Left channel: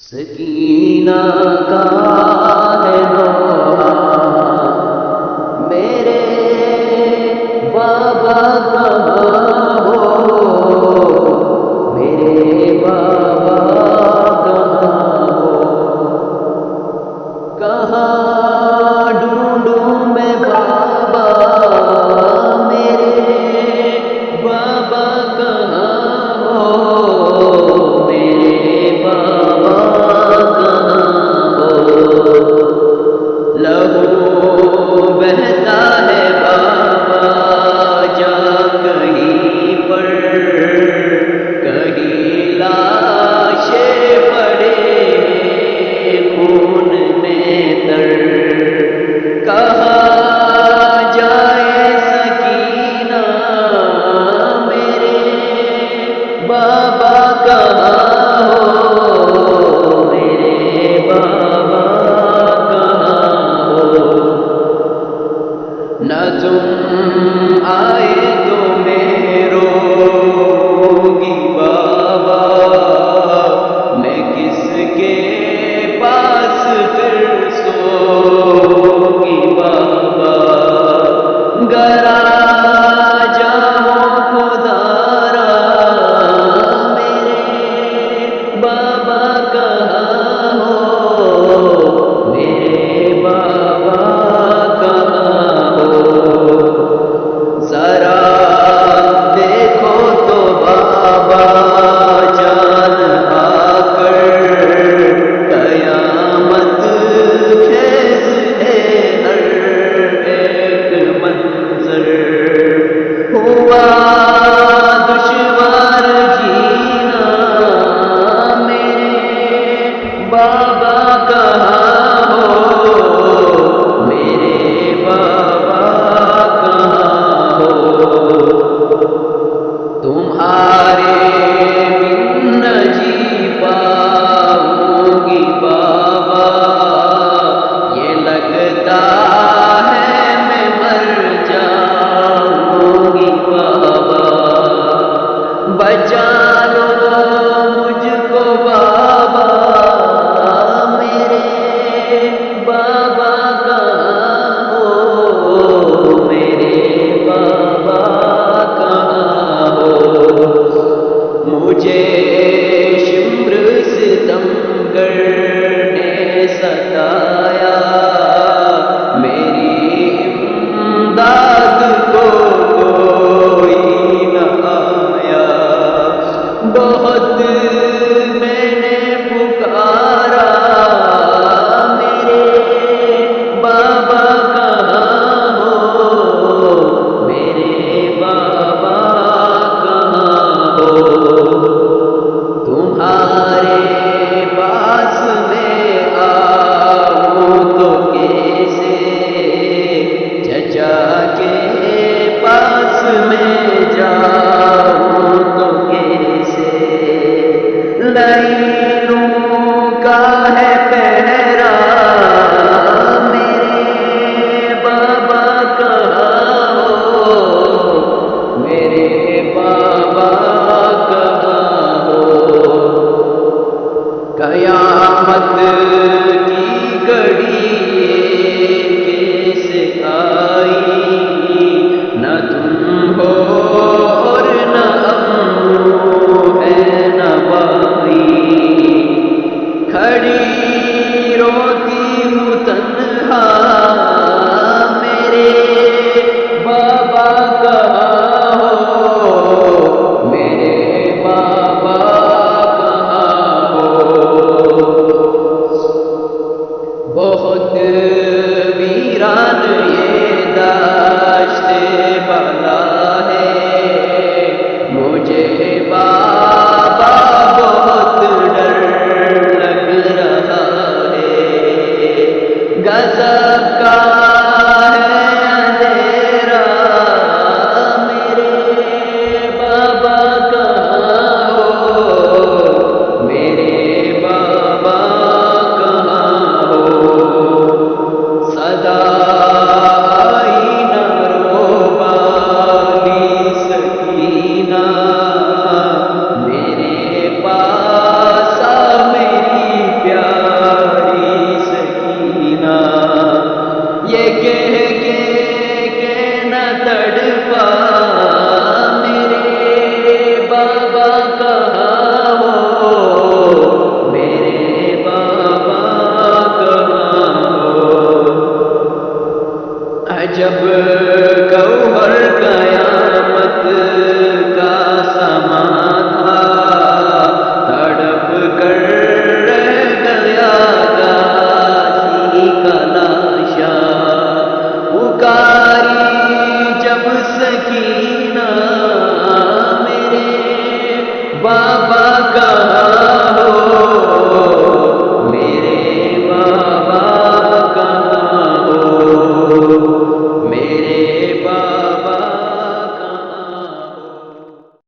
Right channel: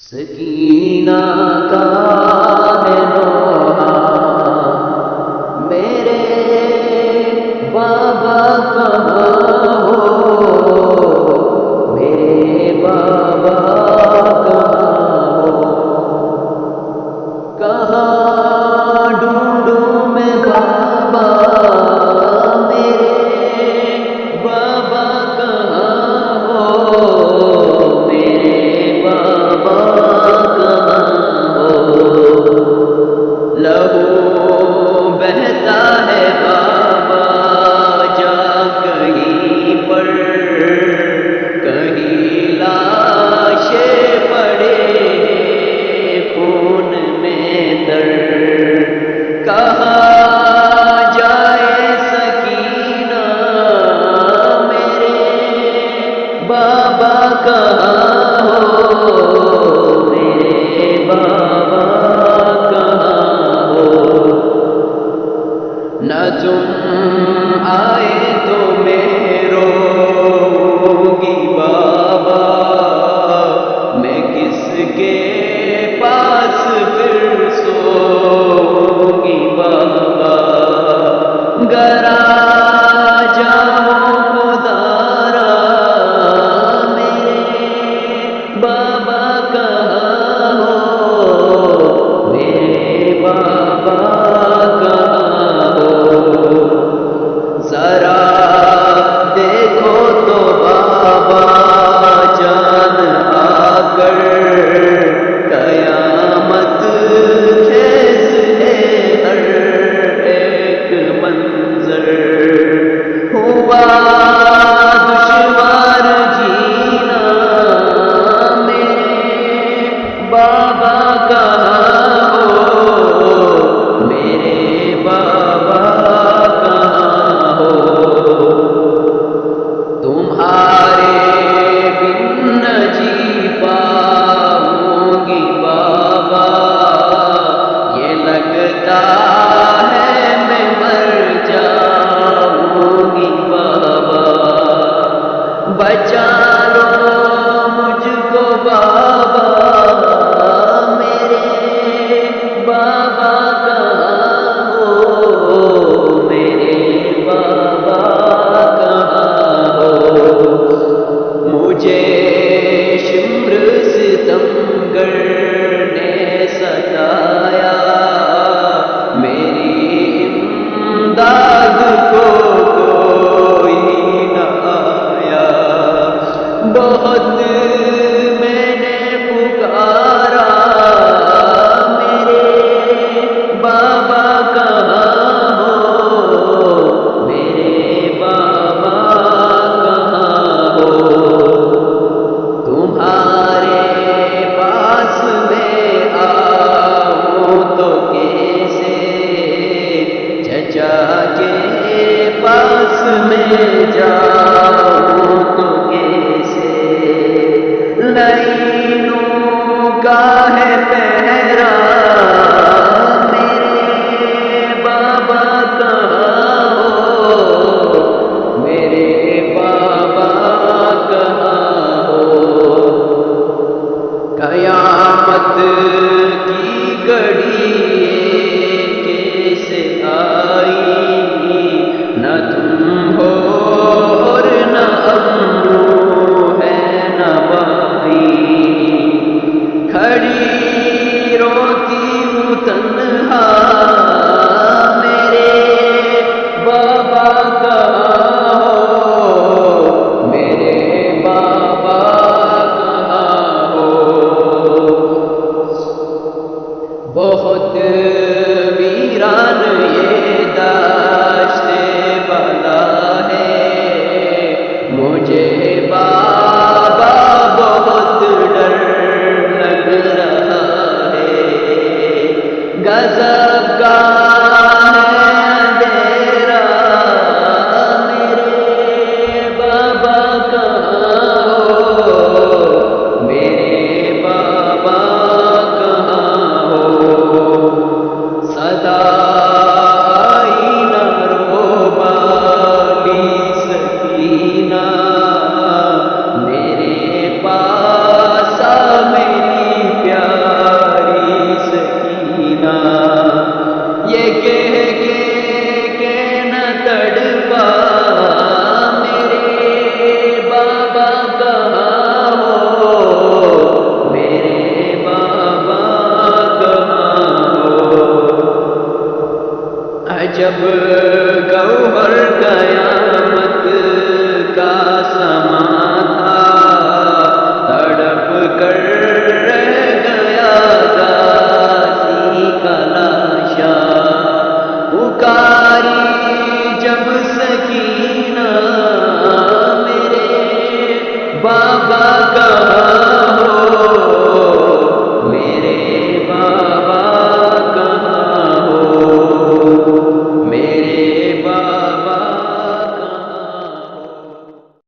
سکینہ کا ہے نوحہ میرے بابا کہاں ہو، میرے بابا کہاں ہو، کہاں ڈھونڈوں میں بابا، میرے بابا کہاں ہو، میرے بابا کہاں ہو، لہو بہتا ہے بابا جا کہیں پر، کہیں لاشیں پڑے ہیں خون میں تر، کہاں جائے سکینہ میرے بابا کہاں ہو، میرے بابا کہاں ہو، نہ تم آئے تو میں روؤں گی بابا، میں کس کے پاس پھر سوؤں گی بابا، گر آ جاؤ خدارا میرے بابا کہاں ہو، میرے بابا کہاں ہو، ذرا دیکھو تو بابا جان آ کر، قیامت خیز ہے ہر ایک منظر، ہوا دشوار جینا میرے بابا کہاں ہو، میرے بابا کہاں ہو، تمہارے بن نہ جی پاؤں گی بابا، یہ لگتا ہے میں مر جاؤں گی بابا، بچا لو مجھ کو بابا، میرے بابا کہاں ہو، میرے بابا کہاں ہو، مجھے شمر ستمگر نے ستایا، میری امداد کو کوئی نہ آیا، بہت میں نے پکارا میرے بابا کہاں ہو، میرے بابا کہاں ہو، تمہارے پاس میں آؤں تو کیسے، چچا کے پاس میں جاؤں تو کیسے، لائنوں کا ہے پہرا میرے بابا کہاں ہو، میرے بابا کہاں ہو، قیامت کی گھڑی کیسے آئی، نہ تم ہو اور نہ امو ہے نہ بائی، کھڑی روتی ہوں تنہا میرے بابا کہاں ہو، میرے بابا کہاں ہو، بہت ویران یہ داشتے بالا ہے، مجھے بابا بہت ڈر لگ رہا ہے، غضب کا ہے اندھیرا میرے بابا کہاں ہو، میرے بابا کہاں ہو، صدا آئی نہ رو بالی سکینہ میرے پاس، میری جب گوہر قیامت کا سما تھا، تڑپ کر رہ گیا غازی کا لاشا، پکاری جب سکینہ میرے بابا کہاں